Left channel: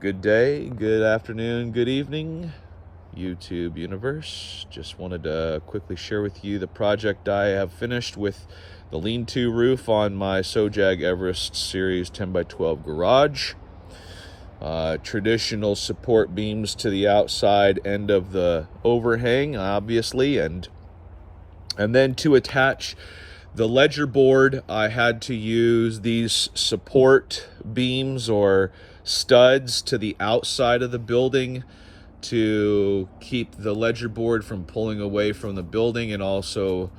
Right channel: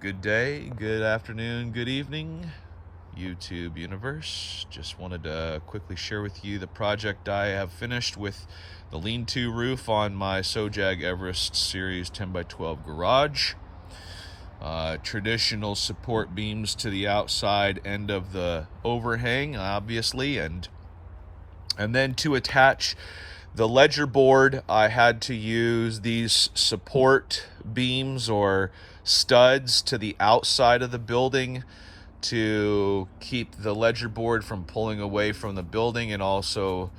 Good day, good afternoon, good evening, YouTube universe. Just wanted to quickly share with you the project I have finished with the lean-to roof on my Sojag Everest Series 10x12 garage. Traditional support beams to the outside end of the overhang, obviously, and then to attach the ledger board, I had to use these support beams or studs to the outside of the building to keep the ledger board from pulling away from the building and also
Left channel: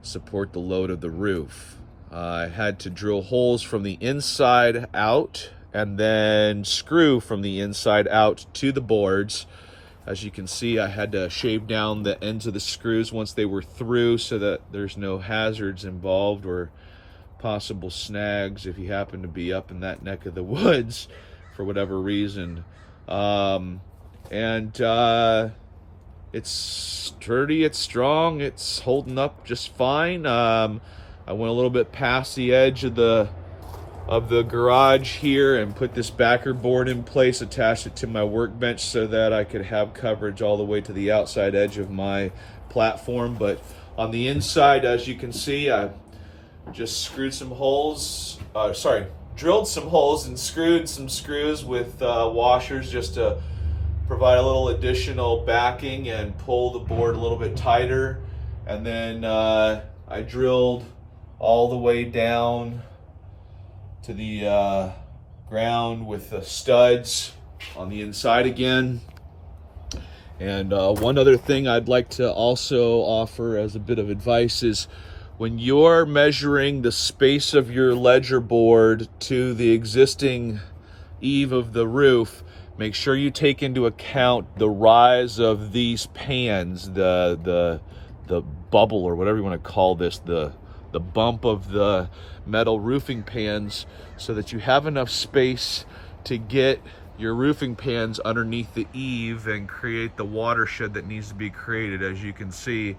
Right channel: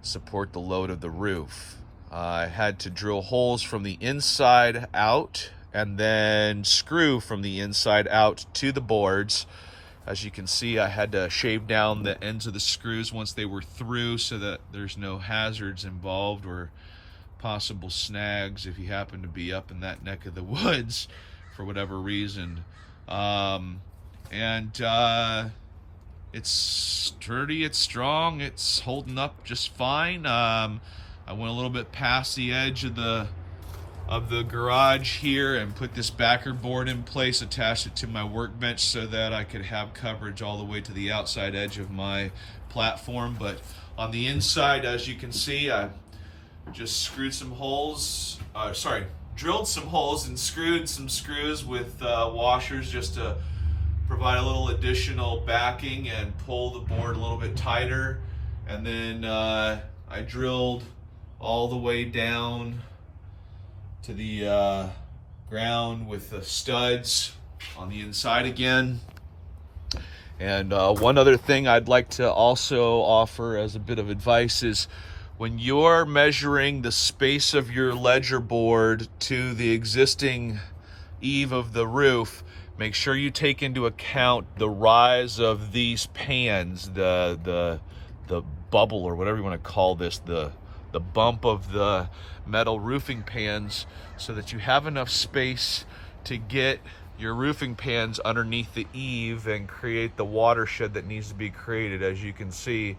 support the load of the roof. I had to drill holes from the inside out and then screw from the inside out to the boards. As you can see, I had to shave down the ends of the screws once they were through so that there's no hazards involved or possible snags if you happen to be up in that neck of the woods for whatever reason. It's sturdy, it's strong, it's holding up just fine. I went a little bit past the edge of the garage here and put this backer board in place, attached it to my workbench so that I could have coverage all the way to the outside edge of my platform. But on the inside, as you can see, I just screwed some holes, drilled some holes and screwed some screws with washers just to provide a little additional backing and pull the board a little bit tighter. And then I drilled all the way down to the ground with the studs on the inside again. And one other thing I'd like to also offer as a bit of advice is when you're measuring the space of your ledger board to the existing eave of the roof, make sure you take into account the rise of these pans, the bubble or whatever you want to call this, the bump of the metal roofing pans, so that you have enough space to get your roofing pans underneath the eave and create the watershed that needs to be created. As you can see,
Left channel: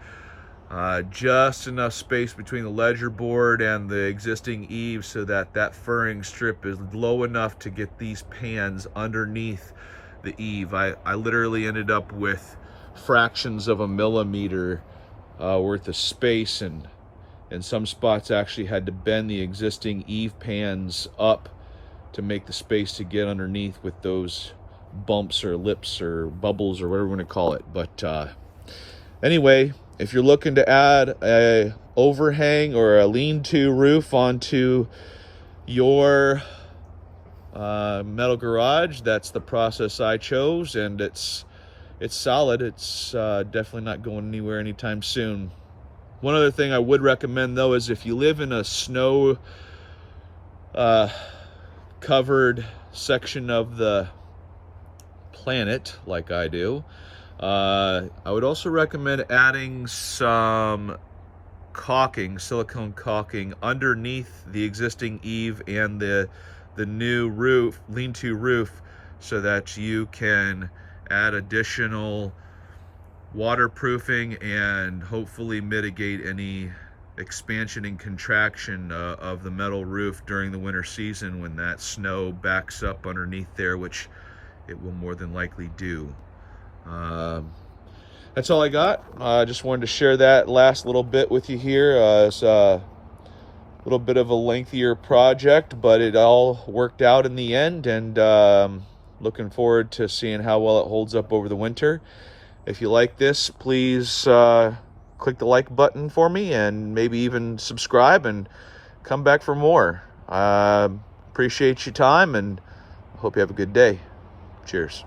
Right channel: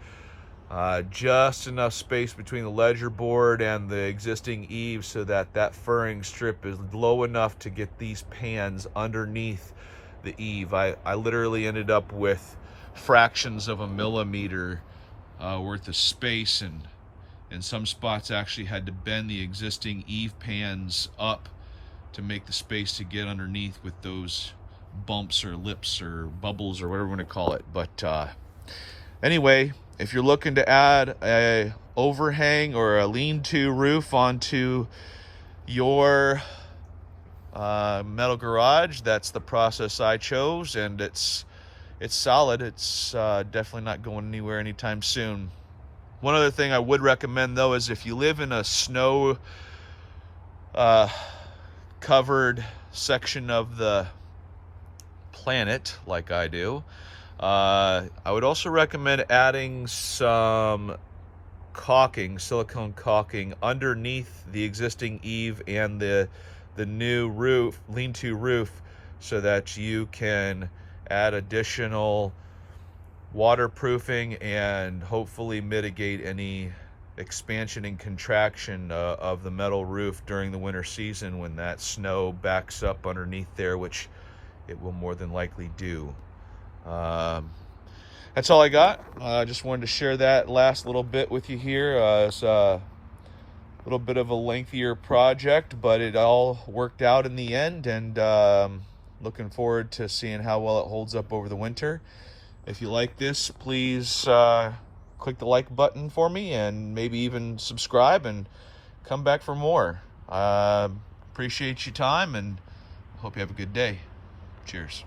just enough space between the ledger board and the existing eave so that that furring strip is low enough to get these pans underneath the eave. I literally ended up with fractions of a millimeter worth of space, and in some spots actually had to bend the existing eave pans up to make the space to get underneath with those bumps or lips or bubbles or whatever you want to call it. But anyway, if you're looking to add a overhang or a lean-to roof onto your metal garage, that's the process I chose, and it's solid. It's definitely not going anywhere anytime soon. One other thing I would recommend, though, is if you live in a snow covered section of the planet like I do, I would also recommend adding some caulking, silicone caulking, underneath the existing eave and the new roof, lean-to roof, so that you can add additional waterproofing and hopefully mitigate any expansion and contraction of the metal roof during the winter season when that snow backs up underneath there, which it will more than likely do. That's all I got. I just wanted to share that last little bit with you here. It's a little bit of a lengthier project, but it all worked out in the end, and looking forward to seeing how well it holds up over the winter. If you like this, please click the like button for me and maybe even subscribe and come back for more. Appreciate your time and hope you have a good day. Cheers.